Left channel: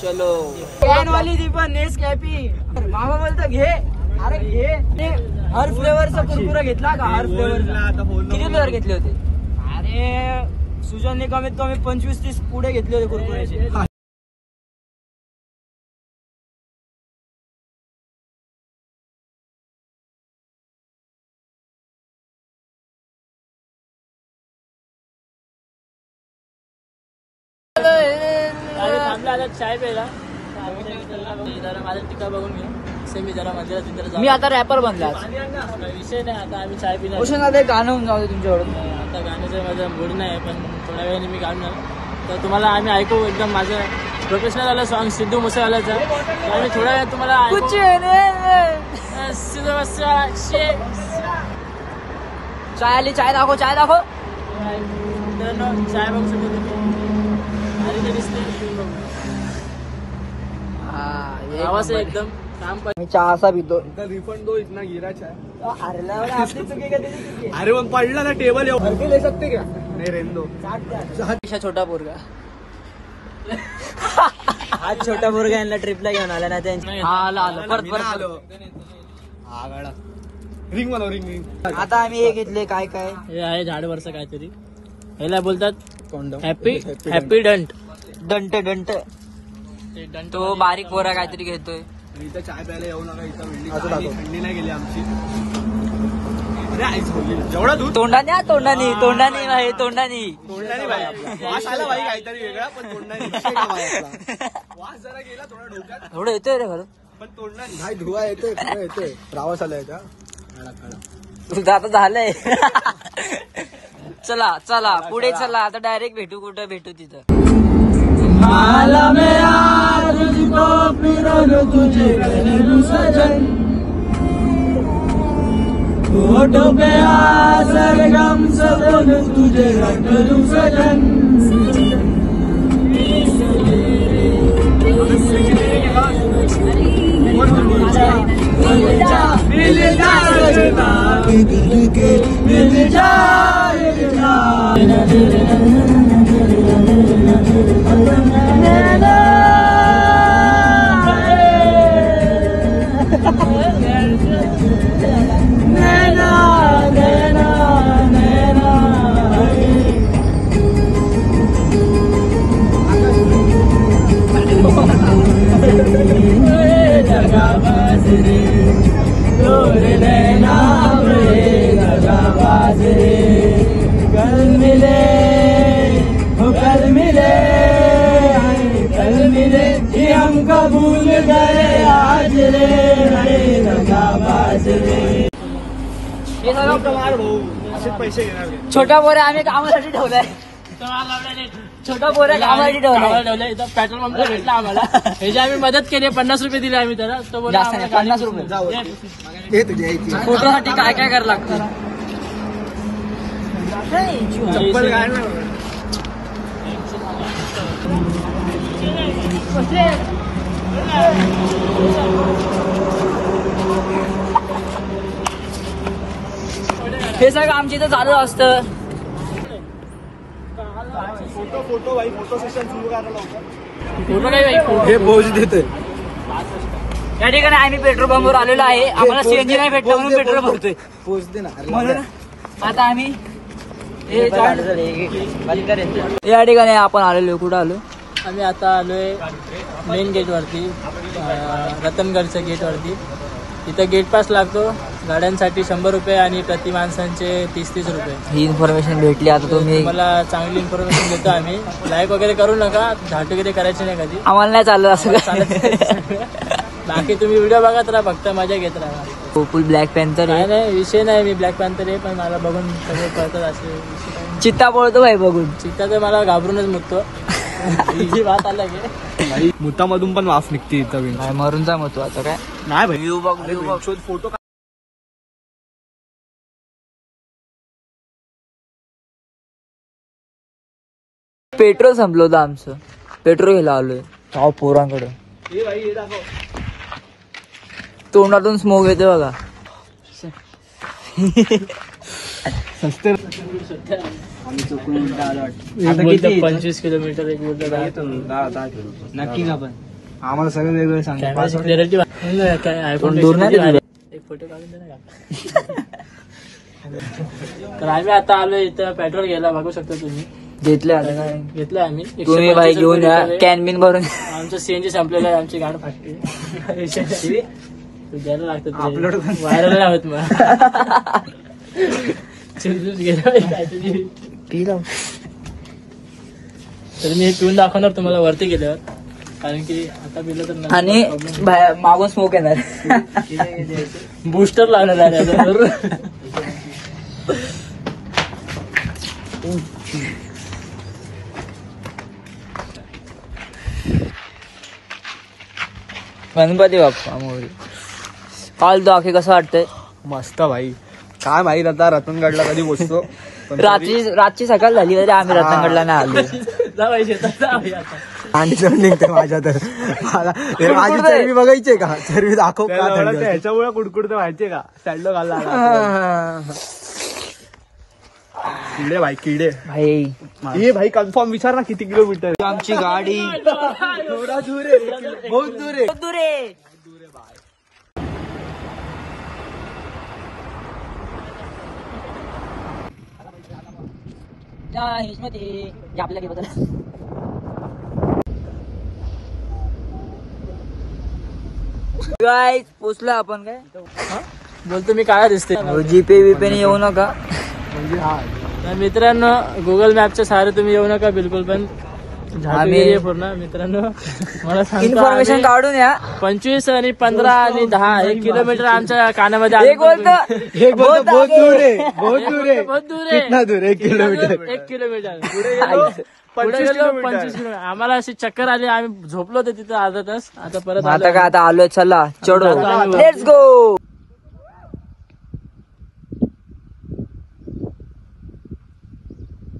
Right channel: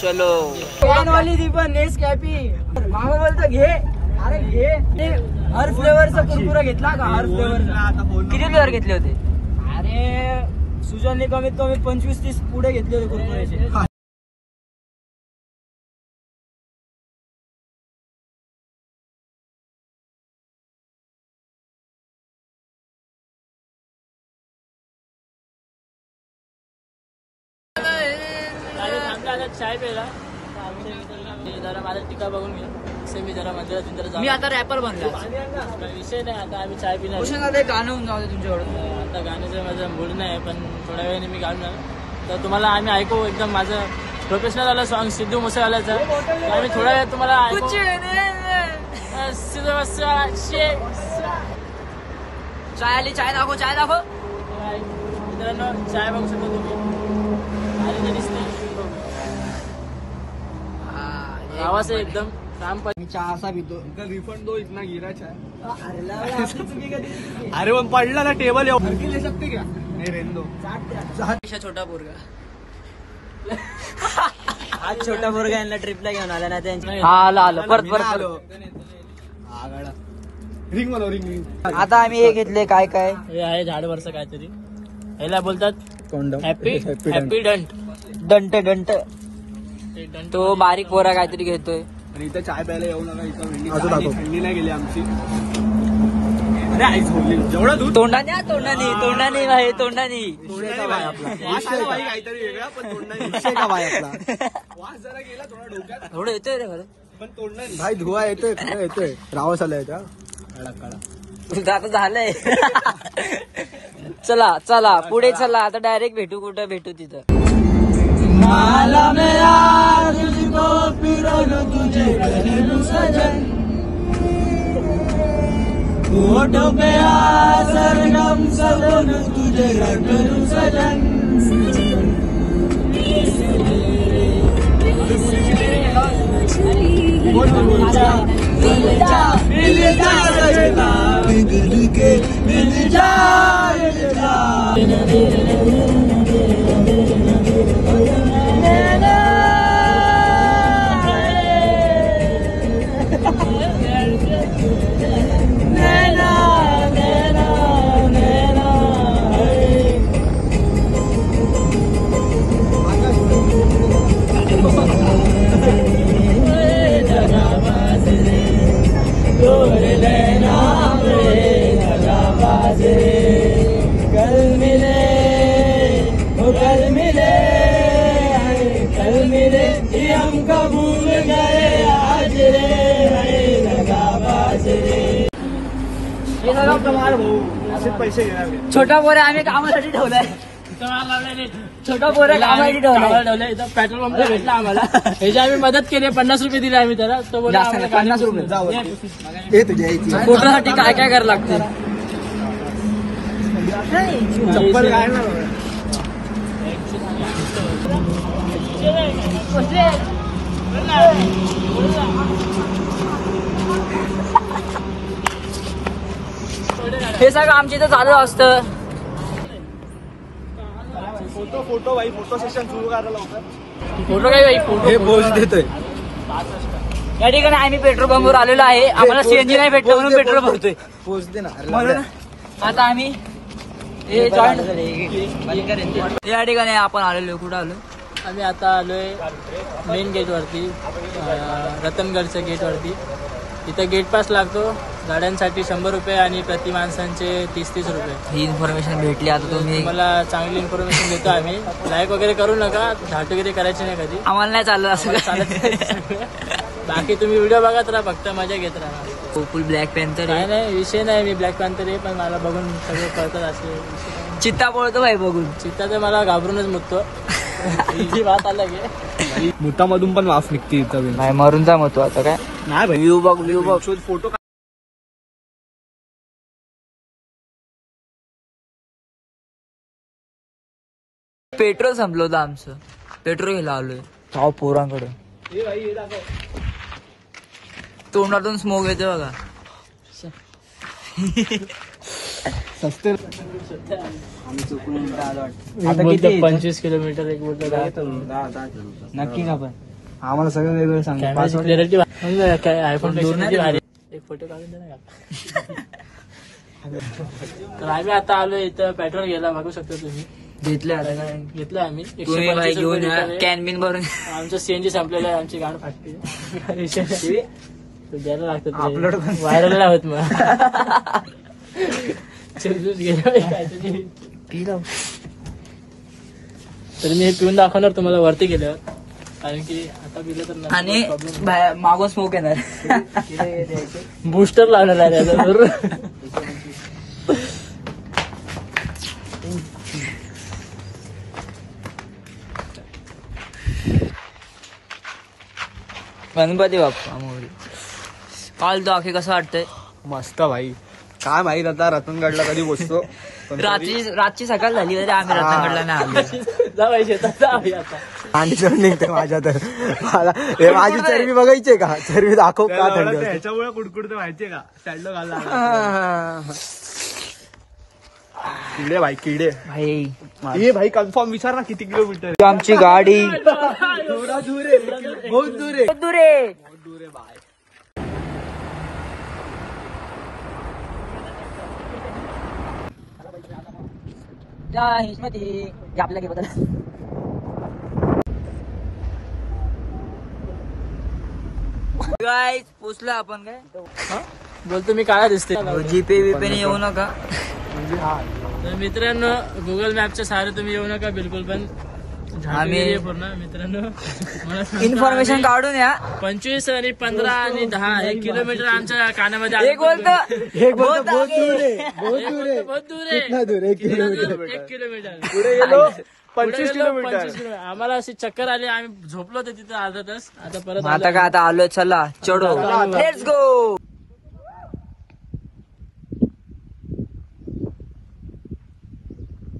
चलो कॅन वाली ती पण नेस कॅपी मामा बोलतो घे, अरे घे. हर फ्लेवरचा कुरकुरा घेतला का? हर फ्लेवरचा किती फ्लेवर घेतले होते? अरे सुजनने कमीत कमी 25-30 पुढे घेतले होते कुरकुऱ्याचे. चाय प्यायला माझा टिका बघून मी आता रॅपर बनला. विषय नाही, आता आम्ही चाय पिणार. गाणं होऊन जाऊ दे तुमच्याकडून. आता गाण्याचा माझा मूड नाही, पण थोड्या वेळाने मी गाणार. तर तुम्हाला आम्ही ऐकू एकदम माझं प्रोफेशनल आलं सॉंग सिद्धू मुसेवाल्याचं. तर आम्ही थोड्या वेळ तुम्हाला चाय आली. चाय दाखव, चाय दाखव. चाय बघू शकतो तुम्ही. आवाज एकदम काम. मी चहा असा पितो. रिफंड दो, इतना गिरा चाय. अरे पण पडला ना टेबल. ले सकते क्या? नाही रेंदो. छोटा पोरगा आज छोटा पोरगा यांना ट्रिपला घेऊन आला ना त्यांच्या. हा आलो परत आलो. रिंग बनव, रिंग. आता आम्ही हे घेतले काय काय हे आहे झाडवरचं काहीतरी. याला बोलतात हॅपी हॅपी डंट. तो बारीक पोरा काहीतरी घेतोय. आणि इथं चाय प्यायला येऊ नका. इथं थंडी नाही गेली आमची. अरे आईस बोलली जेवढं तोंडाने काहीतरी वेगळा, वास जरा गेला थोडा डोक्यात. थोडं येतोय रे खरं, पण तोंडाने भाई धुवा येतोय. रावस आला येतो. आता झालंय. चला पुढे चला. आता डायरेक्ट भेटू. कुठं भेटू? तिथं तुझे सजन पे सरगम सजन तुझे सजन. छोटा पोरे आम्ही कामासाठी ठेवलाय. छोटा पोरे कामासाठी ठेवलाय. पेट्रोल पंप भेटला आम्हाला. ह्याची आम्ही मदत केली. 50 रुपये दिले आम्ही त्याला. तो बोला 50 रुपये. पोटासाठी काय काय करायला लागतं. चप्पल काय ना हे सगळं आमच्या इथं चालू असतं. फोटो भाई फोटो सेशन सुरू करायला. फोटो काय पोज देतोय. या ठिकाणी आम्ही पेट्रोल पंपवर आलेलो आहे. आम्हाला सीएनजी नाही भेटलं म्हणून पेट्रोल भरतोय. पोच दे ना. म्हणून आता आम्ही या ठिकाणी आपण आलेलो. कुठं आलो आम्ही? आता आलोय मेन गेट वरती, रतनगडच्या गेट वरती. इथं गेट पास लागतो गाड्यांसाठी 100 रुपये आणि प्रति माणसांचे 30-30 रुपये. ही इन्फॉर्मेशन भेटली. आता तुम्ही मला चांगली इन्फॉर्मेशन देतो. आम्ही लाईक वगैरे करू नका. झाट वगैरे करायची नाही कधी. आम्हाला नाही चाललं असं चालत. बाकी तुम्ही व्हिडिओ बघत राहा, फक्त मजा घेत राहा. फुल ब्लॅक पॅन्थर नाही विषय नाही. मी ब्लॅक पॅन्थर आहे, पण मला बघून सगळे कळतात. असे चित्ता पळतो भाई बघून. चित्ता तर मला घाबरूनच मुततो. ही बात आला मुतामधून पण वाफ निघते इथं. नाही मरूनचा मतो आता काय नाही भाई. व्ह्यू बघ फोटो. पेट्रोल संपलं होतं आमचं. पेट्रोल घ्यायला आलोय गाव पोरांकडे. तोंडातून स्मोक येते बघा. आम्ही चुकून उलटा आलो वाटतं. एक बोलतो 25 किलोमीटर, एक बोलतो 10 किलोमीटर. नक्की का पण आम्हाला सगळं वेगळं सांग. आयफोन दूर नाही झालं. एक फोटो काढून दे ना. तर आम्ही आता आलो इथं पेट्रोल घ्यायला, बघू शकता तुम्ही. घेतले आता काय घेतलं आम्ही. तुम्ही बाई घेऊन या कॅन बिन भरून. आमचं सीएनजी संपलेलं आहे, आमची गाड फाटली. द्यायला लागतं व्हायरल आहोत मग. तर मी पिऊन दाखवणार तुम्हाला वरती गेल्यावर, कारण की आता पिलं तर आणि मागून स्मोक येणार. बूस्टर लागणार त्याच्यावर. गणपती बाप्पा मोरी. काल तो आखे कसं वाटतंय? मस्त भाई. काय माहित आता रतनगडला कधी बसतो. रातची सकाळ झाली तरी आम्ही रत्नागडला नाही आलो. आणि निघते माझ्या तर माझी चरबी बघायची का? चरबी दाखव का? ह्याच्यामुळे कुडकुडते माहितीये का? सॅडलो घालला किडे भाई, किडे भाई. ये भाई कन्फर्म विचार ना किती किलोमीटर. आमची गाडी बहुत दूर दुरे. गाईस पोचलो आपण. काय बोलतो मी, काय दिसते जीपे बीपे येऊ नका. म्हणजे तर मित्रांनो, गुगल मॅपच्या सहारे तुम्ही येऊ नका बिलकुल पण. आम्ही पूर्ण मित्रांनो मला इन्फॉर्मेशन काढून या. 25 आणि 15 आणि 10 1 किलोमीटर आमच्या कानामध्ये. एक बोलतो बहुत दूर आहे, बहुत दूर आहे. बहुत दूर आहे. कितना दूर? 1 किलोमीटर. 1 किलोमीटर. 25 किलोमीटर. आम्हाला अशी चक्कर आली, आम्ही झोपलो होतो तिथं अर्धा तास. आता परत आता काय आता आलोय, चला चढो, लेट्स गो.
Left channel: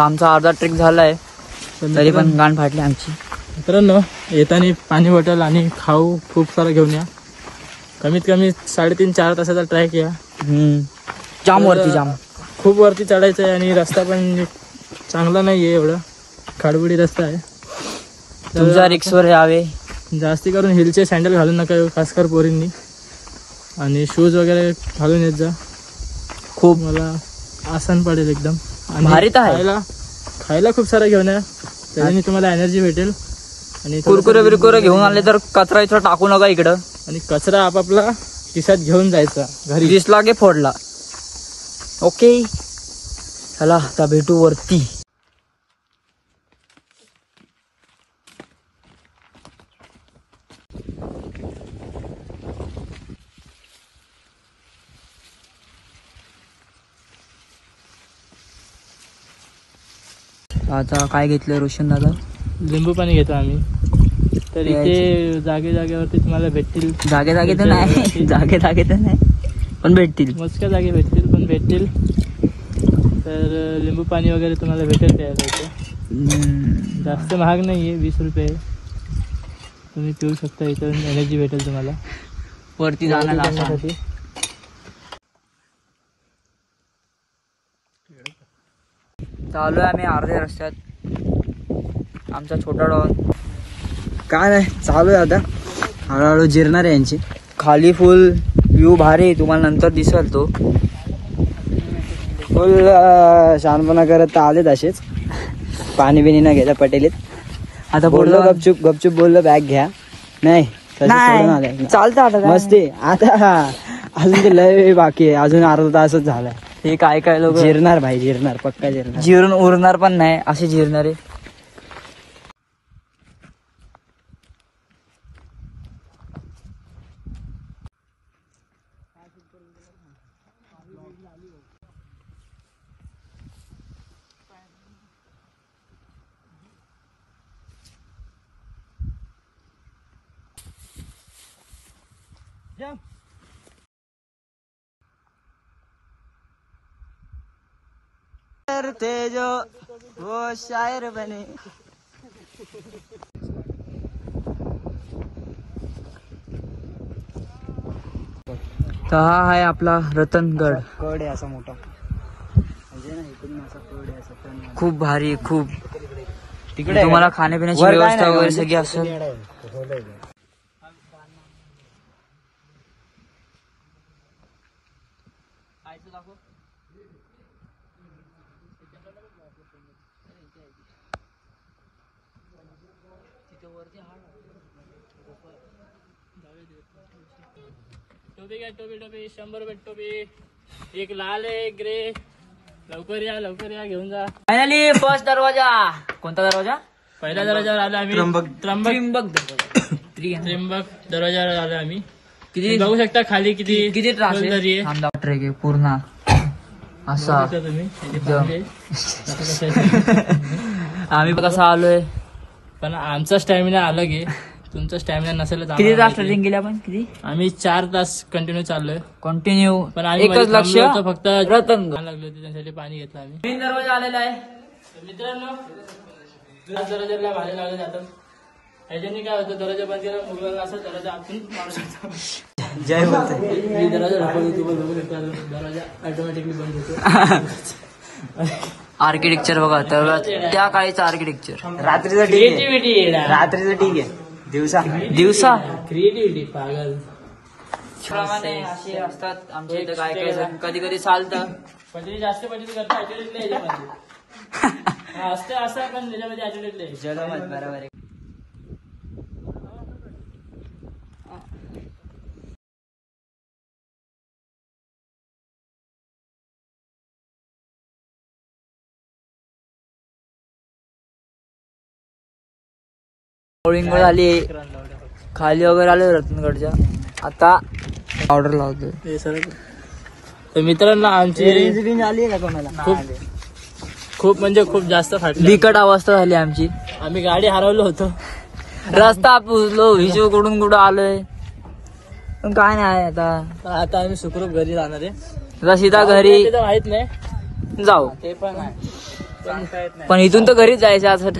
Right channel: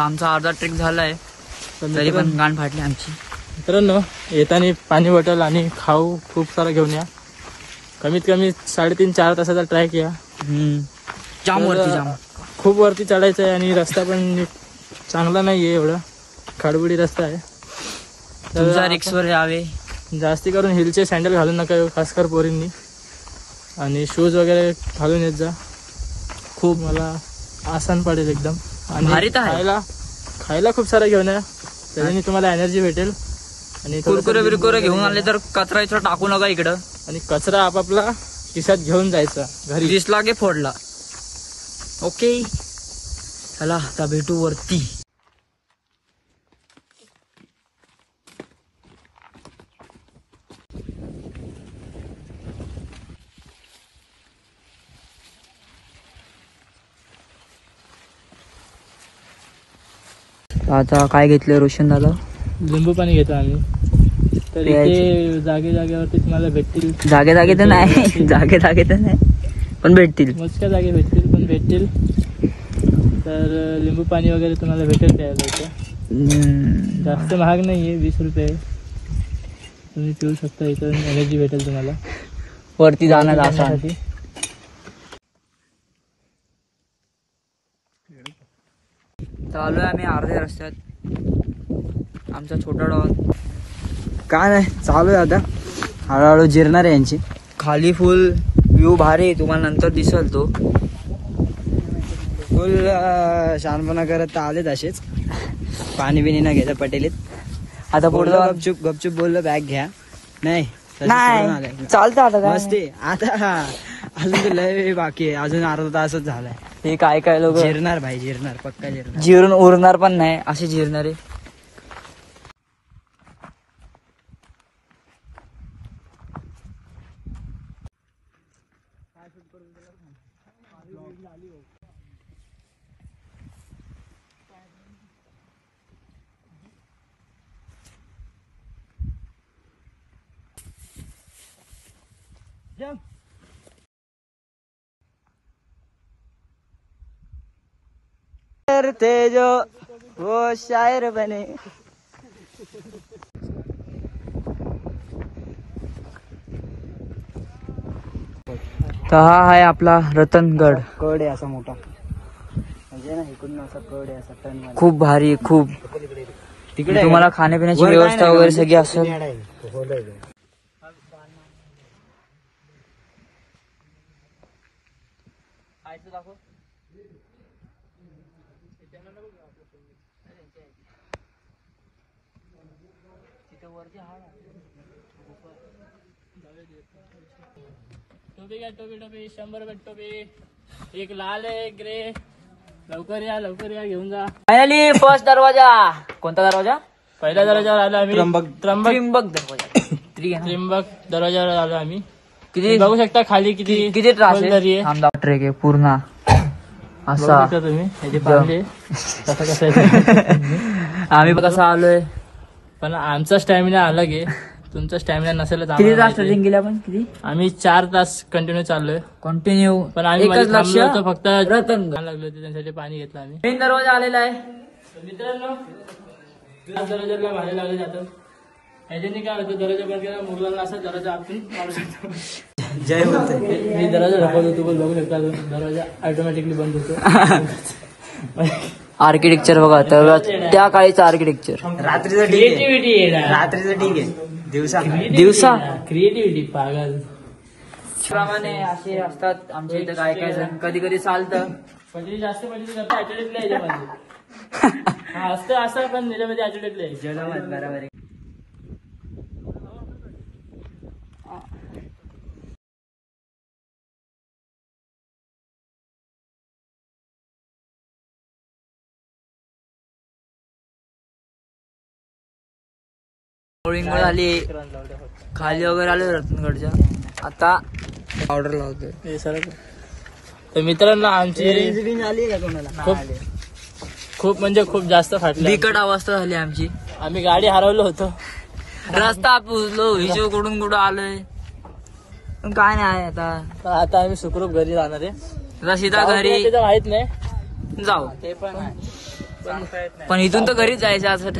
आमचा अर्धा ट्रेक झालाय तरी पण गाण फाटली आमची. मित्रांनो, येताना पाणी बॉटल आणि खाऊ खूप सारा घेऊन या. कमीत कमी 3.5-4 तासाचा ट्रॅक या. जाम वरती जाम. खूप वरती चढायचं आहे आणि रस्ता पण चांगला नाहीये, एवढा खाडबुडी रस्ता आहे. तुमच्या रिक्सवर यावे. जास्ती करून हिलचे सँडल घालून नका खासकर पोरींनी, आणि शूज वगैरे घालून येत जा. खूप मला आसान पडेल एकदम. आणि भारी तर आहे. खायला खूप सारा घेऊन या, त्याने तुम्हाला एनर्जी भेटेल. आणि कुरकुरे बिरकुरे घेऊन आले तर कचरा इथं टाकू नका इकडं. आणि कचरा आपापला खिशात घेऊन जायचा घरी. दिसला की फोडला. ओके, चला आता भेटू वरती. आता काय घेतलं रोशन दादा? लिंबू पाणी घेतो आम्ही. तर इथे जागेवरती तुम्हाला भेटतील. जागे तर नाही, जागे तर नाही पण भेटतील. मोजक्या जागे भेटतील, पण भेटतील. तर लिंबू पाणी वगैरे तुम्हाला भेटेल प्यायला इथे. जास्त महाग नाहीये, 20 रुपये. तुम्ही पिऊ शकता, इथं एनर्जी भेटेल तुम्हाला. वरती जाण्यात आसान. चालू आहे आम्ही अर्ध्या रस्त्यात. आमचा छोटा डॉन काय नाही, चालू आहे आता हळूहळू जिरणार आहे यांची. खाली फुल व्ह्यू भारी, तुम्हाला नंतर दिसल तो. फुल शहाणपणा करत आलेत असेच, पाणी बिनी न घ्यायला पटेलीत. आता बोललो बोललो गपचूप बोललो बॅग घ्या. नाही चालतं आता मस्ती. आता अजून ते लय बाकी आहे, अजून अर्धा तासच झालाय. हे काय लोक जिरणार भाई, जिरणार पक्का जिरणार. जिरून उरणार पण नाही असे जिरणारे. थे जो वो शायर बने. तर हा आहे आपला रतनगड. कड आहे असा मोठा. खूप भारी, खूप तिकडे तुम्हाला खाण्यापिण्याची व्यवस्था वगैरे सगळी असेल. टोपी घ्या, टोपी 100 रुपये टोपी. एक लाल आहे, एक ग्रे. लवकर या घेऊन जा. फायनली फर्स्ट दरवाजा. कोणता दरवाजा? पहिल्या दरवाजावर आलो आम्ही. त्र्यंबक दरवाजावर आलो आम्ही. किती बघू शकता खाली किती दरी आहे. ट्रेक आहे पूर्ण असा. तुम्ही कसं आम्ही कसा आलोय, पण आमचा स्टॅमिना अलग आहे. तुमचा स्टॅमिना नसेल तर किती तास ट्रेकिंग केली आपण? किती? आम्ही 4 तास कंटिन्यू चाललोय. कंटिन्यू. पण आम्ही एकच लक्ष फक्त रतन लागलो होते, त्यासाठी पाणी घेतलं आम्ही. मेन दरवाजा आलेला आहे मित्रांनो. दरवाजाला भाडे लागले जातात. ह्याच्याने काय होतं, दरवाजा बंद केला मुलांना असं दरवाजा आपण काढू शकतो. मी दरवाजा ढकलतो, तू पण बघू शकता. दरवाजा ऑटोमॅटिकली बंद होतो. आर्किटेक्चर बघा, तर त्या काळीचं आर्किटेक्चर. क्रिएटिव्हिटी रात्रीचं ठीक आहे, दिवसा क्रिएटिव्हिटी पागल. प्रमाणे असे असतात आमच्या इथं काय काय जण. कधी कधी चालतं, कधी जास्त म्हणजे ऍटिट्यूड याच्यामध्ये असतं असं, पण त्याच्यामध्ये ऍटिट्यूड यायचं. बरोबर आहे. झाली, खाली वगैरे आलो रत्नगडच्या. आता ऑर्डर लावतोय. तर मित्रांनो आमची खूप म्हणजे खूप जास्त फाटली. बिकट अवस्था झाली आमची. आम्ही गाडी हरवलो होतो, रस्ता पुजलो, हिशो कुठून कुठं आलोय, पण काय नाही. आता आम्ही सुखरूप घरी जाणार आहे. सीधा घरी माहित नाही जाऊ, ते पण पण इथून तर घरीच जायचं असं.